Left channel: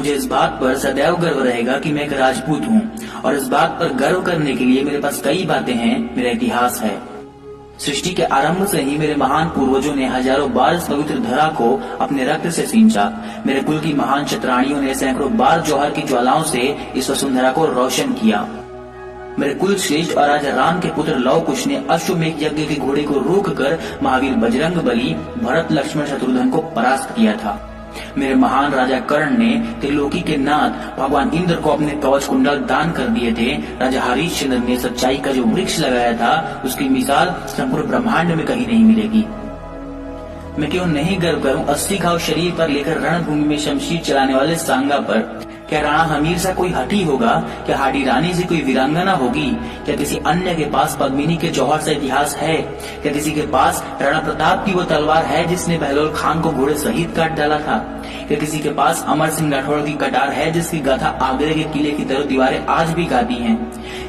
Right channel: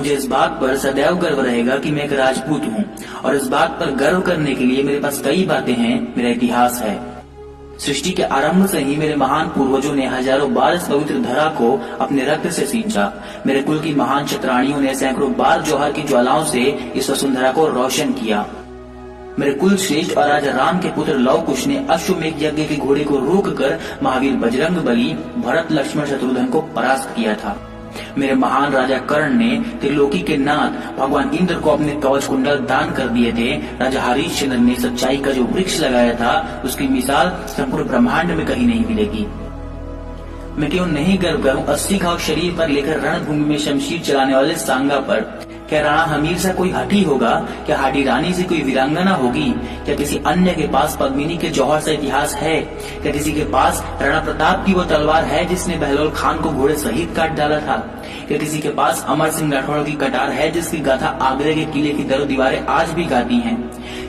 मुझे इस बात पर सदैव गर्व रहेगा कि मैं एक राजपूत हूँ और इस बात पर गर्व करने के लिए मेरे पास कई बातें हैं, मेरा इतिहास है। सृष्टि के आरंभ से ही मेरे महान पूर्वजों ने हजारों बार इस पवित्र धरा को अपने रक्त से सींचा। मेरे कुल की महान क्षत्राणियों ने सैकड़ों बार जौहर की ज्वालाओं से इस वसुंधरा को रोशन किया। मेरे कुल श्रेष्ठ और राजा राम के पुत्र लव कुश ने अश्वमेघ यज्ञ के घोड़े को रोककर महावीर बजरंग बली, भरत, लक्ष्मण, शत्रुघ्न को परास्त किया था। मेरे महान राजा कर्ण ने त्रिलोकी के नाथ भगवान इंद्र को अपने कवच कुंडल दान कर दिए थे। राजा हरिश्चंद्र ने सच्चाई का जो वृक्ष लगाया था, उसकी मिसाल संपूर्ण ब्रह्मांड में कहीं नहीं मिलेगी। मैं क्यों नहीं गर्व करूं 80 घाव शरीर पर लेकर रणभूमि में शमशीर चलाने वाले सांगा पर। क्या राणा हमीर सा कोई हठी होगा? क्या हाडी रानी से कोई वीरांगना होगी? क्या किसी अन्य के पास पद्मिनी के जौहर सा इतिहास है? क्या किसी के पास राणा प्रताप की वो तलवार है जिसने बहलोल खान को घोड़े सहित काट डाला था? क्या किसी के पास अमर सिंह राठौड़ की कटार है जिसकी गाथा आगरे के किले की दरो दीवारें आज भी गाती हैं?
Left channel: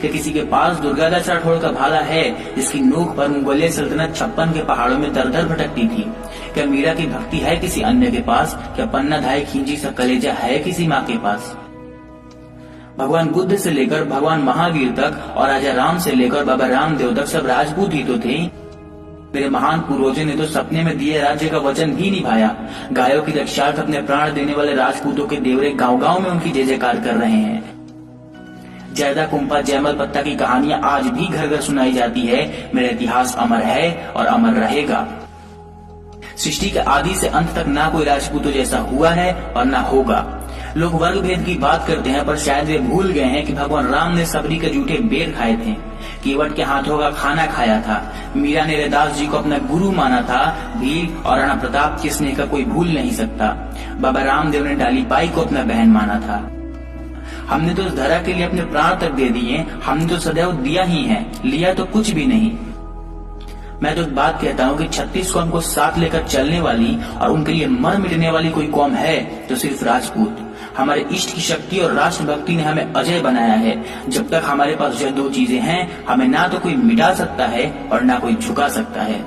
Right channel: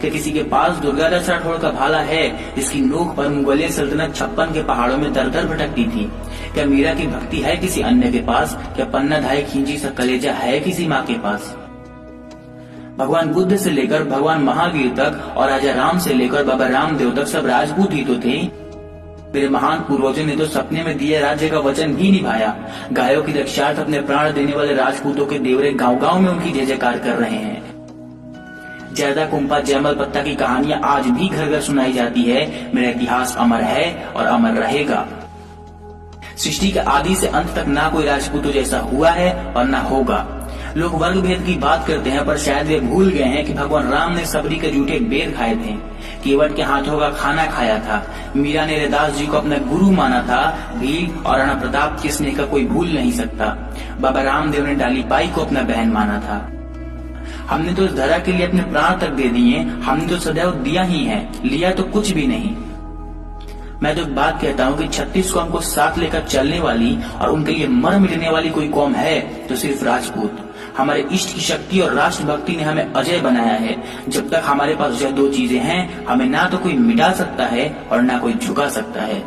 क्या किसी के पास दुर्गादास राठौड़ का भाला है जिसकी नोक पर मुगलिया सल्तनत 56 के पहाड़ों में दर दर भटकती थी? क्या मीरा की भक्ति है किसी अन्य के पास? क्या पन्ना धाय खींची सा कलेजा है किसी माँ के पास? भगवान बुद्ध से लेकर भगवान महावीर तक और राजा राम से लेकर बाबा रामदेव तक सब राजपूत ही तो थे। मेरे महान पूर्वजों ने तो सपने में दिए राज्य का वचन भी निभाया। गायों की रक्षार्थ अपने प्राण देने वाले राजपूतों के देवरे गांव-गांव में उनकी जय जयकार कर रहे हैं। जयदा कुंपा जयमल पत्ता की कहानियां आज भी घर घर सुनाई जाती है। मेरा इतिहास अमर है और अमर रहेगा। सृष्टि के आदि से अंत तक ना कोई राजपूतों जैसा हुआ है और ना होगा। लोग वर्ग भेद की बात करते हैं, पर शायद वे भूल गए हैं कि भगवान राम ने सबरी के जूठे बेर खाए थे, केवट के हाथों का खाना खाया था, मीरा ने रैदास जी को अपना गुरु माना था, भील और राणा प्रताप के स्नेह का कोई भूल नहीं सकता। बाबा रामदेव ने डाली बाई को अपना बहन माना था। हमने तो इस धरा के लिए अपने प्राण तक दे दिए। हमने तो सदैव दिया ही है, लिया तो कुछ भी नहीं। मैं तो एक बात कहता हूँ कि 36 कौम को साथ लेकर चलने वाली और उनके लिए मर मिटने वाली कोई कौम है तो सिर्फ राजपूत। हमारे इष्ट की शक्ति और राष्ट्र भक्ति ने हमें अजय बनाया है। जब तक हमारे पास यह दो चीजें हैं, हमें ना तो कोई मिटा सकता है और ना कोई झुका सकता है।